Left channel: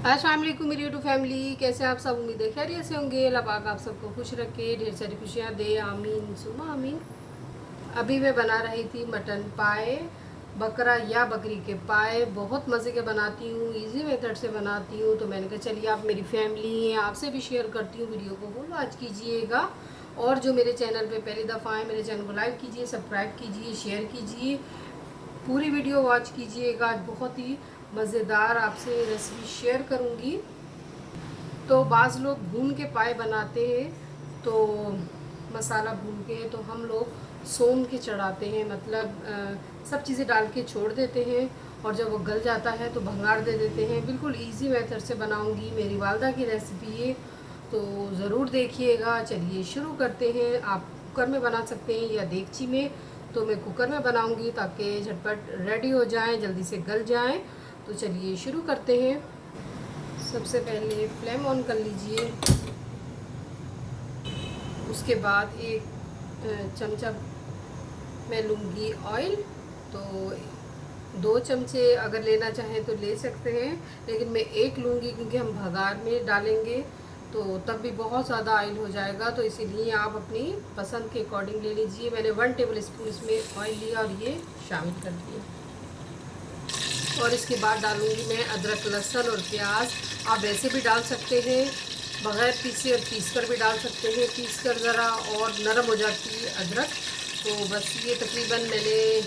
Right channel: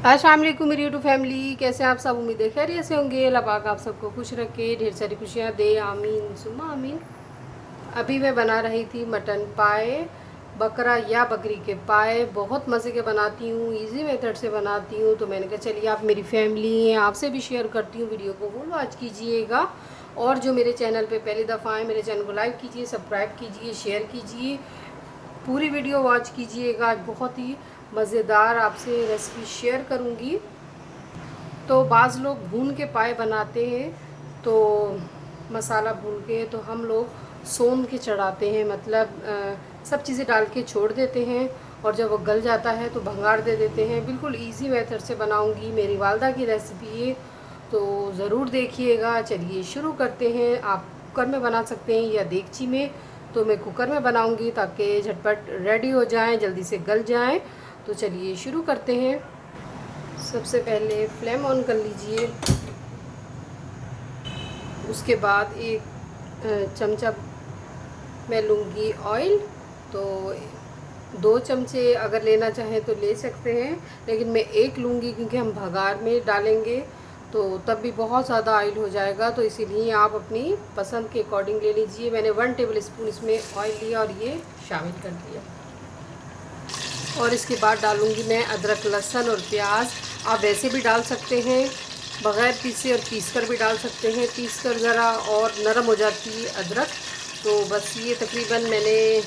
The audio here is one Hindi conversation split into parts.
अस्सलाम वालेकुम मेरी यूट्यूब फैमिली, कैसे आप सब? उम्मीद है खैरियत से होंगे। अल्लाह पाक आप सबको खुश रखे, ढेर सारी खुशियाँ दे, आमीन सुम्मा आमीन। अभी मैं बना रही थी मटन पाए, बकरा या बकरी के पाए। बहुत मज़े के बनाती हूँ, इजी मेथड से बनाती हूँ। तो मैंने कहा चलिए आप मेरी फैमिली हैं, आपसे भी शेयर करती हूँ। वीडियो को वो वॉच कीजिएगा, और जो मेरे चैनल पे पहली दफ़ा आए मेरे चैनल को लाइक कीजिए, सब्सक्राइब कीजिए, शेयर कीजिए, पूरी वीडियो वॉच कीजिएगा। आज बहुत ही मज़ेदार आपसे रेसिपी शेयर करूँगी। तो बाज़ लोग भून के पाए बनाते हैं, तो मसाला भून के, तो हम लोग सोम के चढ़ाते हैं। मतलब सब चीज़ें डाल के छोड़ देते हैं, और जब वो गल जाता है तो भंगार दे देते हैं। बिल्कुल इजी मेथड से बनाऊंगी, मेरी वालदा की रेसिपी है, तो ज़रूर देखिएगा। चलिए शुरू करते हैं। आप कुकर में बना सकते हैं या देगची में, तो मैं कुकर में बनाऊंगी ताकि झटपट रेडी हो जाएं, जल्दी से गल जाएं। तो चलिए शुरू करते हैं। सबसे पहले फ्लेम ऑन कर लीजिए। उसके बाद एक चमचा मैं लूँगी ऑयल। तो 2 चमचे अगर लेना चाहें तो ले सकते हैं, लेकिन मैं एक लूँगी क्योंकि हम भगार में डालेंगे, तो तब भी बहुत ज़्यादा ऑयल हो जाएगा। तो इसीलिए आप अपनी पसंद के अकॉर्डिंग ले लीजिए। मैंने 1 टेबल स्पून इसमें ऑयल लिया और ये शामिल कर दिया। और इसके बाद डालूँगी मैं अदरक, लहसुन और प्याज। आप वैसे भी डाल सकते हैं बग़ैर पीसे, और पीस कर भी डाल सकते हैं। पीस कर ज़रा और नरम हो जाती है अदरक। तो बस ये तकरीबन मैंने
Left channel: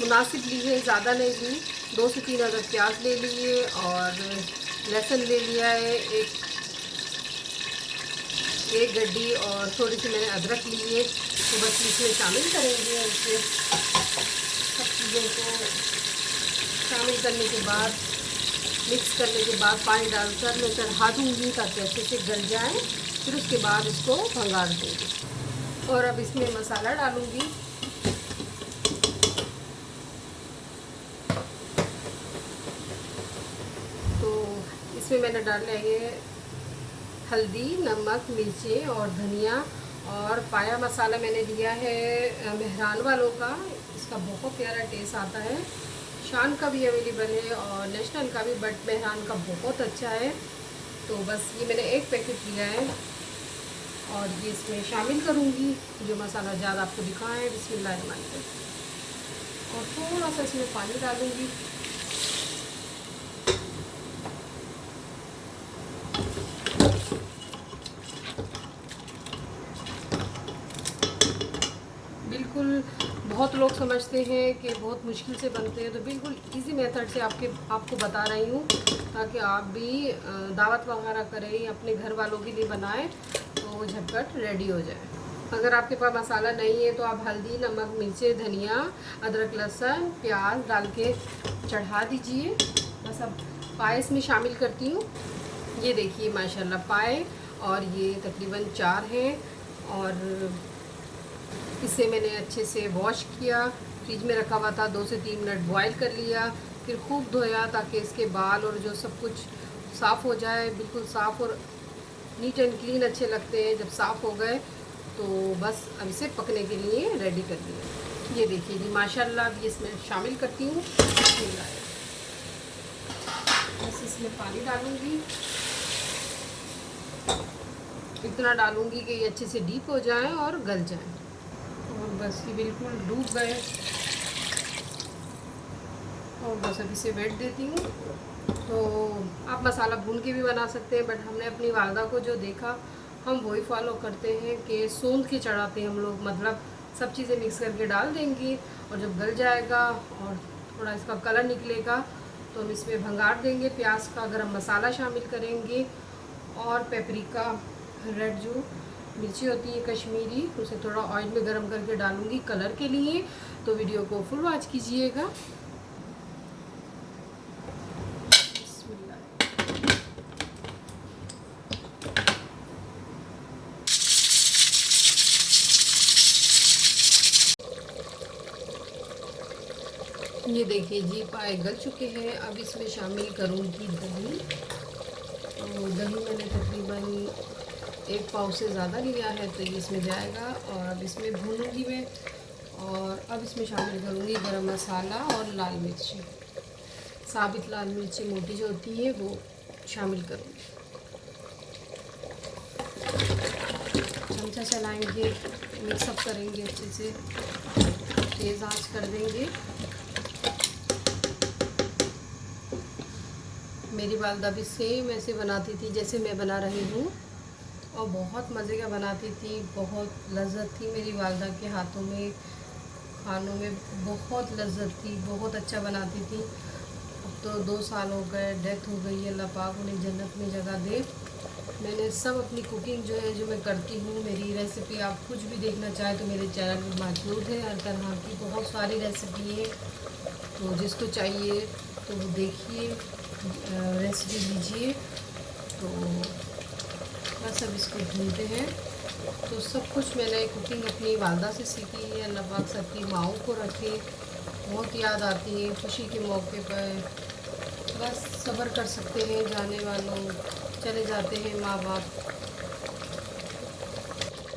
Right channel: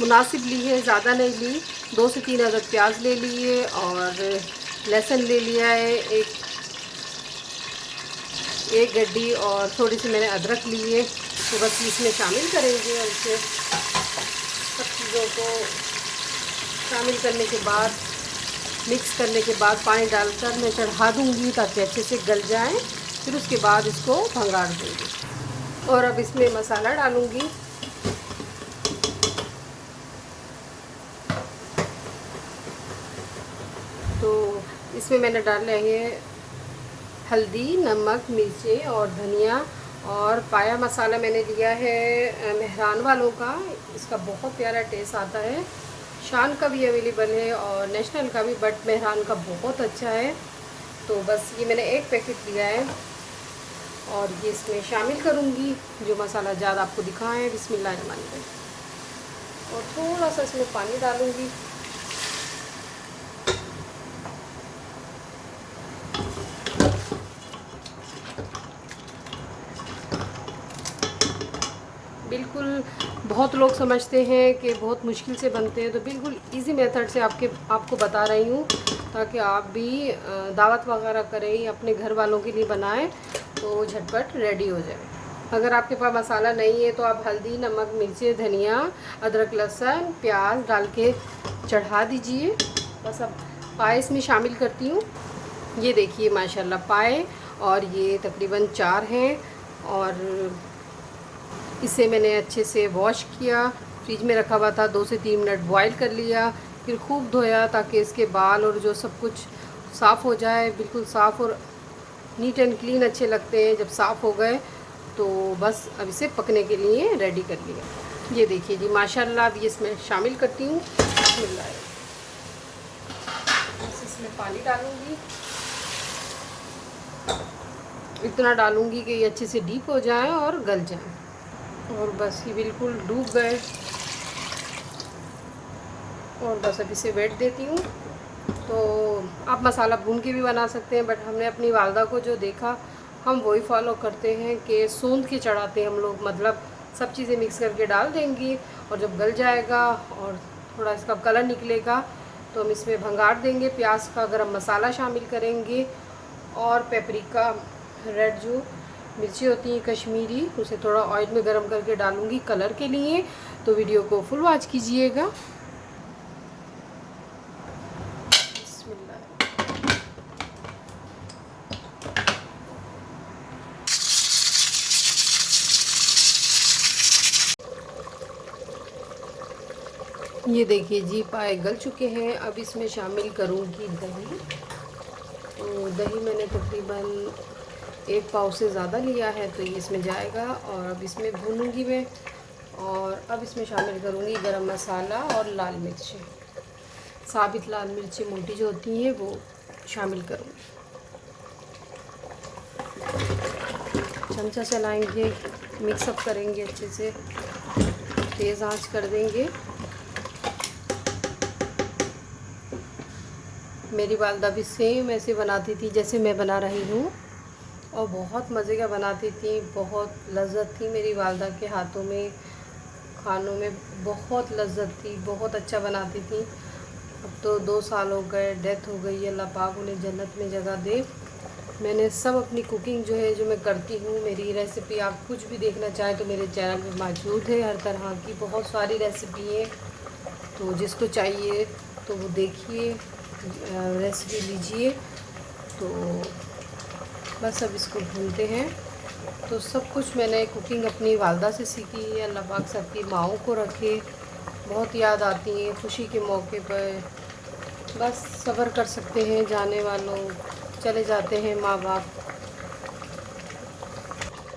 मुनासिब ली है, ज़्यादा नहीं ली। 2 से 3 अदद प्याज ले लिए, और लहसुन ले लिया है एक गड्डी, और थोड़ी सी मैंने अदरक ली है। तो बस इसमें शामिल करेंगे। और इसे सब चीज़ों को शामिल करने के बाद, मिक्स करने के बाद पानी डालकर मैं चढ़ा दूँगी ताकि अच्छे से गल जाए। फिर उसके बाद इसको भंगार दूँगी, और अब इसमें मसाला डालूँगी। तो इसमें मैंने डाला है हल्दी, नमक, मिर्चें और धनिया। और पाया मसाला मैंने लिया है मेहरान वालों का, इसका बहुत प्यारा टेस्ट आता है। शान का भी अवेलेबल है और नेशनल का भी, बट मेहरान का बहुत अच्छा है। तो बस ये मैंने एक पैकेट लिया है, और ये इसमें शामिल करूँगी जो मसाला ज़्यादा आपको दिखा है। बिस्मिल्लाहिर्रहमानिर्रहीम। और थोड़ा सा इसमें पानी डालूँगी। बिल्कुल, बहुत लोग समझते हैं कि बहुत मुश्किल से बनते हैं, तो बिल्कुल इजी मेथड से आपको बता रही हूँ, ताकि आप भी दावत वगैरह करें, अपने घर वालों के लिए बनाएं तो झटपट रेडी हो जाए। अगर आपके पास मसाला नहीं है तो आप हल्दी, नमक, मिर्चें, धनिया, अदरक, लहसुन, प्याज डाल के चढ़ा दीजिए। बस अब पाए इसमें शामिल करती हूँ। ये देखिए माशाल्लाह पाए, और ये तकरीबन 4 हैं। और इसे मैंने अच्छे से वॉश किया, फ्रिज में रखा हुआ था। 2 से 3 मिनट बॉईल कर लिया, फिर खूब धोया ताकि इसके बाल और जो सब कुछ साफ़ हो जाए। बिल्कुल साफ़ और नीट एंड क्लीन अच्छे लगते हैं जब साफ़ हो गए। तो बस अब इसे पकने के लिए रेडी कर लिया। ये देखिए जी माशाल्लाह। अब ये इसमें शामिल करती हूँ। बस इसमें पानी डालूँगी, इतना डालूँगी कि ये अच्छे से डीप हो जाए और गल जाए। और बस ये बिल्कुल डूब गए, और बस अब इसे वेट देती हूँ। तो आप मसाला भून के भी बना सकते हैं, बट हमने अपनी वालदा को जो देखा हम वही फॉलो करते हैं कि सूंद के चढ़ाते हैं हम लोग। मतलब सब चीज़ें मिक्स करके डाल देंगी, और जब गल जाएगा और थोड़ा इसका कलर निकलेगा तो हम इसमें भंगार देंगे। प्याज का गरम मसाला शामिल करेंगे, और पेपरिका, रेड जो मिर्ची होती है कश्मीरी, उसे थोड़ा ऑयल में गरम करके डालूंगी कलर के लिए। तो वीडियो को फुल वॉच कीजिएगा। ये देखिए जी पाए गल चुके हैं। अब इसमें शामिल करूँगी दही। तो दही मैंने तकरीबन 1 पाव से ज़्यादा लिया है, तो ये इसमें जाएगा। और अब इसमें भूनूंगी मैं, और अब इसमें शामिल करूँगी गरम मसाला और लाल मिर्च। साबित लाल मिर्ची मोटी जो होती हैं वो शामिल करूँगी। चमचा चलाएंगे, मिक्सअप करेंगे अच्छे से, तेज़ आंच कर देंगे। मेरी वालदा भी सेम ऐसे बनाती थी जैसे मैं बना रही हूँ, और बहुत मज़े का बनाती थी। बहुत लज़्ज़त थी मेरी वालदा के हाथों में, खानों में बहुत लज़्ज़त थी, बहुत अच्छा बनाती थी। अब तो 2 साल हो गए, डेथ हो गई है, अल्लाह पाक उन्हें जन्नत में जगह दे। मैंने सब अपनी कुकिंग जो है, जो मैं करती हूँ, मेरी रेसिपी आप कुछ भी देखना चाहें तो मेरे चैनल में मौजूद है। हर तरह की बहुत सारी रेसिपी है, तो जिसको चाहिए तो वो देखिए, रेसिपी लीजिए। तो बस अब इसको भूनते हैं। तो सब कुछ मैंने कुकिंग अपनी वालदा से सीखी है। अल्लाह पाक सबकी माओं को रखे। बहुत याद आती है खुशी के मौके पर। बस सब्र कर सकते हैं जाने वालों, चले जाते हैं माँ बाप।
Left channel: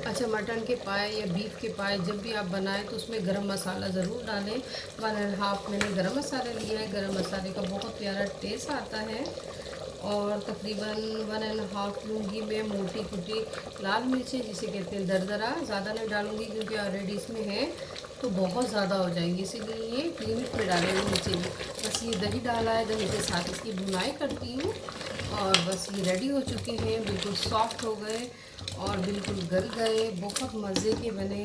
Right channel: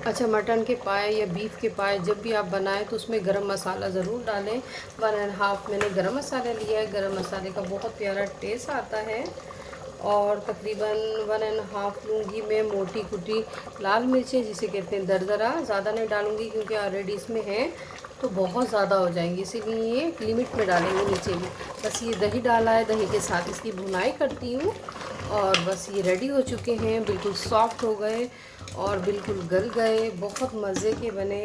अच्छा, मटन के पाए या बीफ के पाए जब भी आप बनाएं तो उसमें गरम मसाला ज़रूर डालें। 1.5 मैंने गरम मसाला लिया है। गरम मसाले का बहुत प्यारा टेस्ट आता है। और तकरीबन 1.5 लूँगी मैं मोटी कुटी लाल मिर्चें, जिसे कहते हैं दरदरा। ज़्यादा नहीं डालूँगी क्योंकि ऑलरेडी इसमें है तो बहुत ज़्यादा हो जाएंगी, इसीलिए लिमिट में डालेंगे नीचे भी। बस ये दही डाला है, दही के साथ इसकी भुनाई करती हूँ। और बस ये रेडी हो चुके हैं, बिल्कुल सॉफ्ट हो गए और बिल्कुल गल गए, बहुत मज़े के बने।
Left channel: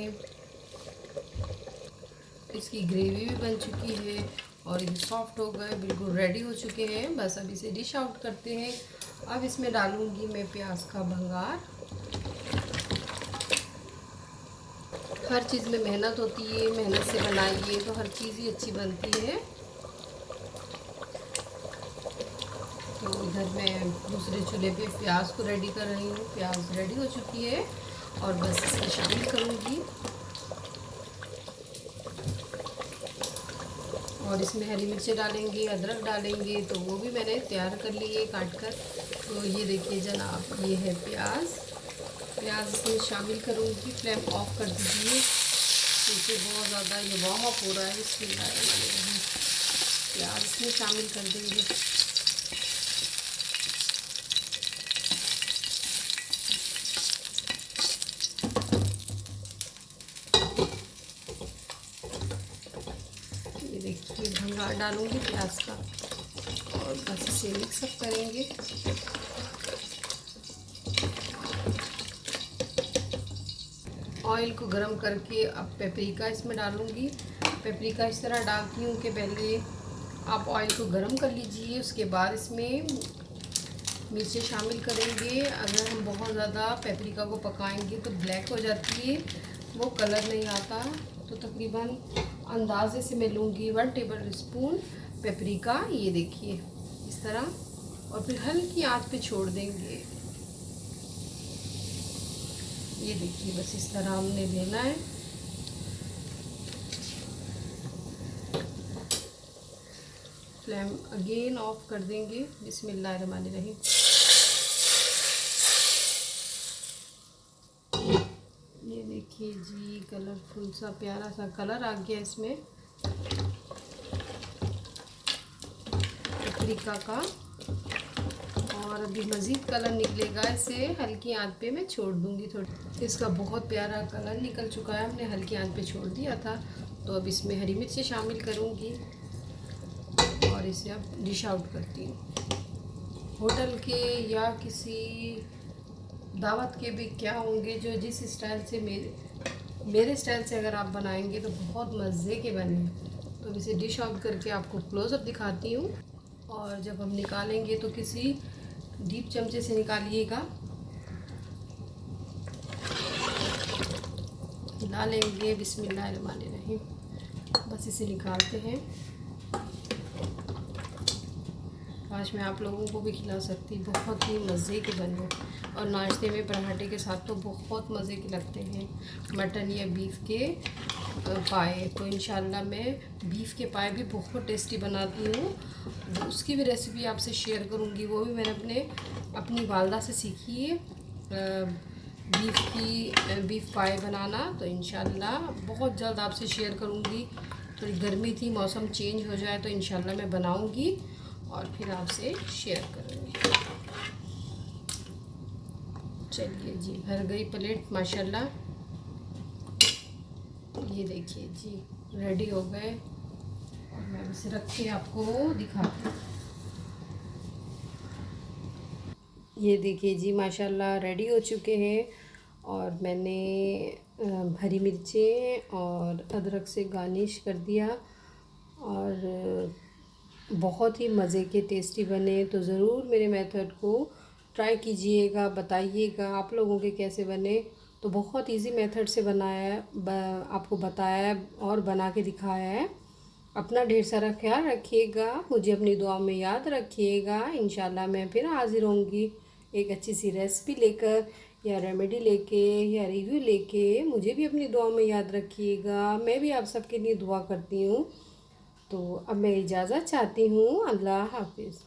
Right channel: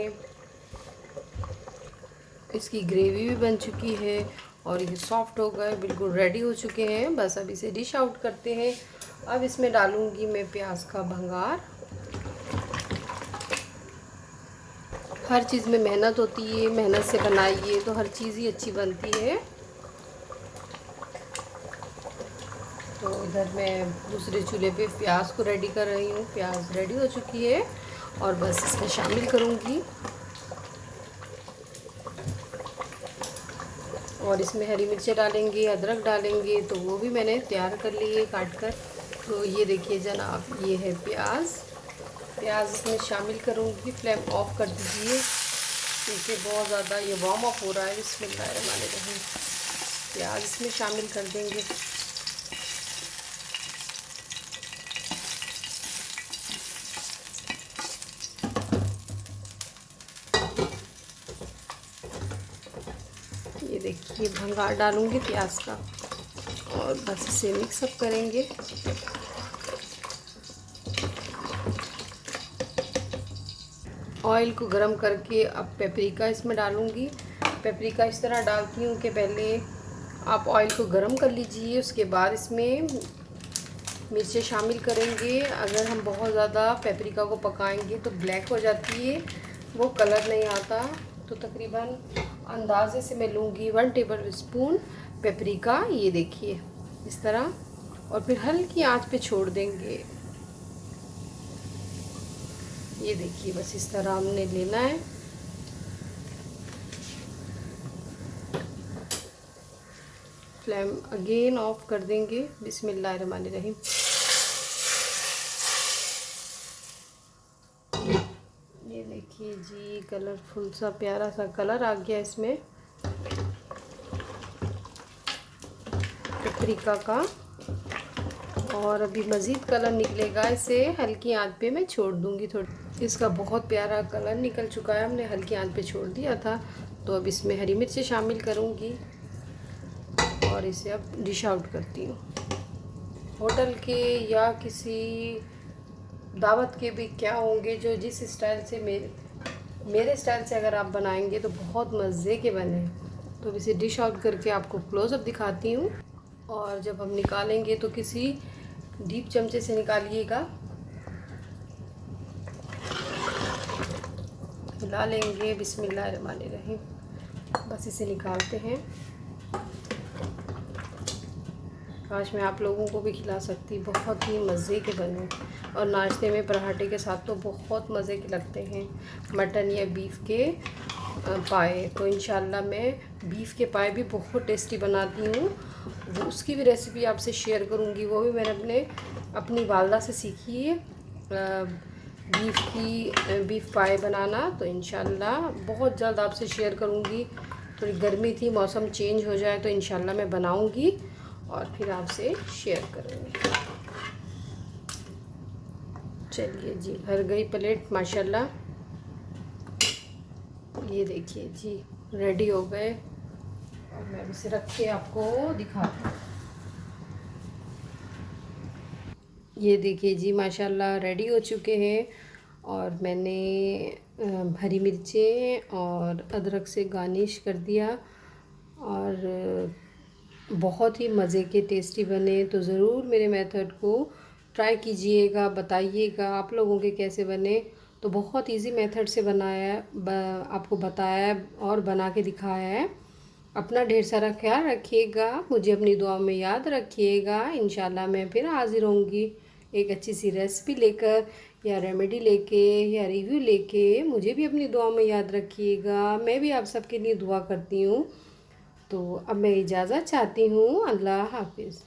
इसकी ग्रेवी भी बन चुकी है और ये सॉफ्ट हो गए, बिल्कुल रेडी हो चुके हैं। बस अब इसे डिश आउट करते हैं। अब इसमें डालूंगी मैं प्याज का भंगार। हर चीज़ में मेहनत होती है, मेहनत से बनाइए तो हर चीज़ ही अच्छी बनती है। तो इधर मैं दूसरे चूल्हे पे प्याज को रेडी कर रही हूँ। प्याज रेडी हो चुकी है और बस इसमें शामिल करूँगी। और इसमें हरी मिर्चें डालेंगे, अदरक डालेंगे, तो वो भी मैंने तैयार कर ली है काट कर। तो ये देखिए जनाब, ये है प्याज। प्याज इसमें शामिल करूँगी। फ्लेम ऑफ कर दीजिए क्योंकि बहुत ज़्यादा ये वार्म अप हो रहा है। इसमें प्याज इसमें शामिल कर देंगे। ये देखिए भंगार डालूंगी प्याज का और बस इसे मिक्सअप करेंगे। ऑयल को गरम करके अब पेपरिका इसमें डालूंगी। पेपरिका इस तरह डालती हूँ कि पहले आप ऑयल को गरम कर लीजिए, उसके बाद इसमें मिर्चें शामिल करेंगे। अगर हम बहुत ज़्यादा पेपरिका को पकाएंगे तो ब्लैक हो जाती है, वो कलर नहीं आता। तो तकरीबन अंदाजे से मैं लूँगी 1 टेबल स्पून पेपरिका, ये देखिए इस तरह, और फिर हल्की आंच पे छोड़ देंगे। ये देखिए बस इस तरह हमने लेना है। फ्लेम अगेन ऑफ कर देंगे। बिस्मिल्लाहिर्रहमानिर्रहीम। ये देखिए जी, कलरफुल सा प्यारा सा कलर आ गया इसमें पेपरिका का। और अभी मज़ीद कलर निकलेगा, इसे हल्की आंच पे मैं छोड़ दूंगी। थोड़ी इसका बहुत प्यारा कलर निकल चुका है, हमने हल्की आंच पे छोड़ दिया था। तो अब इसमें हरी मिर्चें शामिल करूंगी और इसे अब डिश आउट करती हूँ। होटल के या किसी दावत के भी क्या होंगे, जो जिस स्टाइल से मेरे स्टाइल से अगर आप बनाएंगे तो बहुत मज़े के बने। तो इसे डिश आउट करके आपको क्लोज़अप दिखाती हूँ। और जब हम निकालेंगे तो किसी डीप चमचे से निकालिएगा, हिला लेंगे। बिस्मिल्लाहिर्रहमानिर्रहीम। बस इसे निकालते हैं। काश मैं आप लोगों को भी खिला सकती, बहुत ही मज़े के बने। और नाश्ते में पराठे के साथ तो बहुत मज़े के लगते हैं मटन या बीफ के पाए। तो इंशाल्लाह मैं बीफ के पाए भी बहुत टेस्टी बनाती हूँ, उसकी भी रेसिपी आपसे शेयर करूँगी। वो भी मैंने अपनी वालदा से सीखी है, बीफ पाए बनाना। तो इंशाल्लाह बहुत जल्द आपसे शेयर करूँगी। थोड़ी गर्मी थी, मौसम चेंज हो जाए तो इंशाल्लाह मैं बनाऊँगी और फिर आपसे शेयर करूँगी। चलिए जी, भर गई प्लेट माशाल्लाह। ये देखिए जी, रेडी हो गए और मैं इसे रख के आपको दिखाती हूँ। ये देखिए जी माशाल्लाह रेडी हो चुके हैं और मैंने हरी मिर्चें और अदरक से गार्निश कर दिया और बहुत ही मज़े के टेस्टी बने। तो ज़रूर मेरे मेथड को ट्राई कीजिएगा, बताइएगा आप लोगों के कैसे बने। तो बहुत इजी मेथड से बनाया है, आपको बताया है और बना के दिखाया है। अपना ढेर सारा ख्याल रखिएगा, मुझे अपनी दुआ में याद रखिएगा। इंशाल्लाह मैं फिर हाज़िर होंगी एक अच्छी सी रेसिपी लेकर या रेमेडी लेके या रिव्यू लेके। मुझे भी अपनी दुआ में याद रखिएगा, मैं भी आप सबके लिए दुआ करती हूँ। तो अब मैं इजाज़त चाहती हूँ। अल्लाह हाफिज़।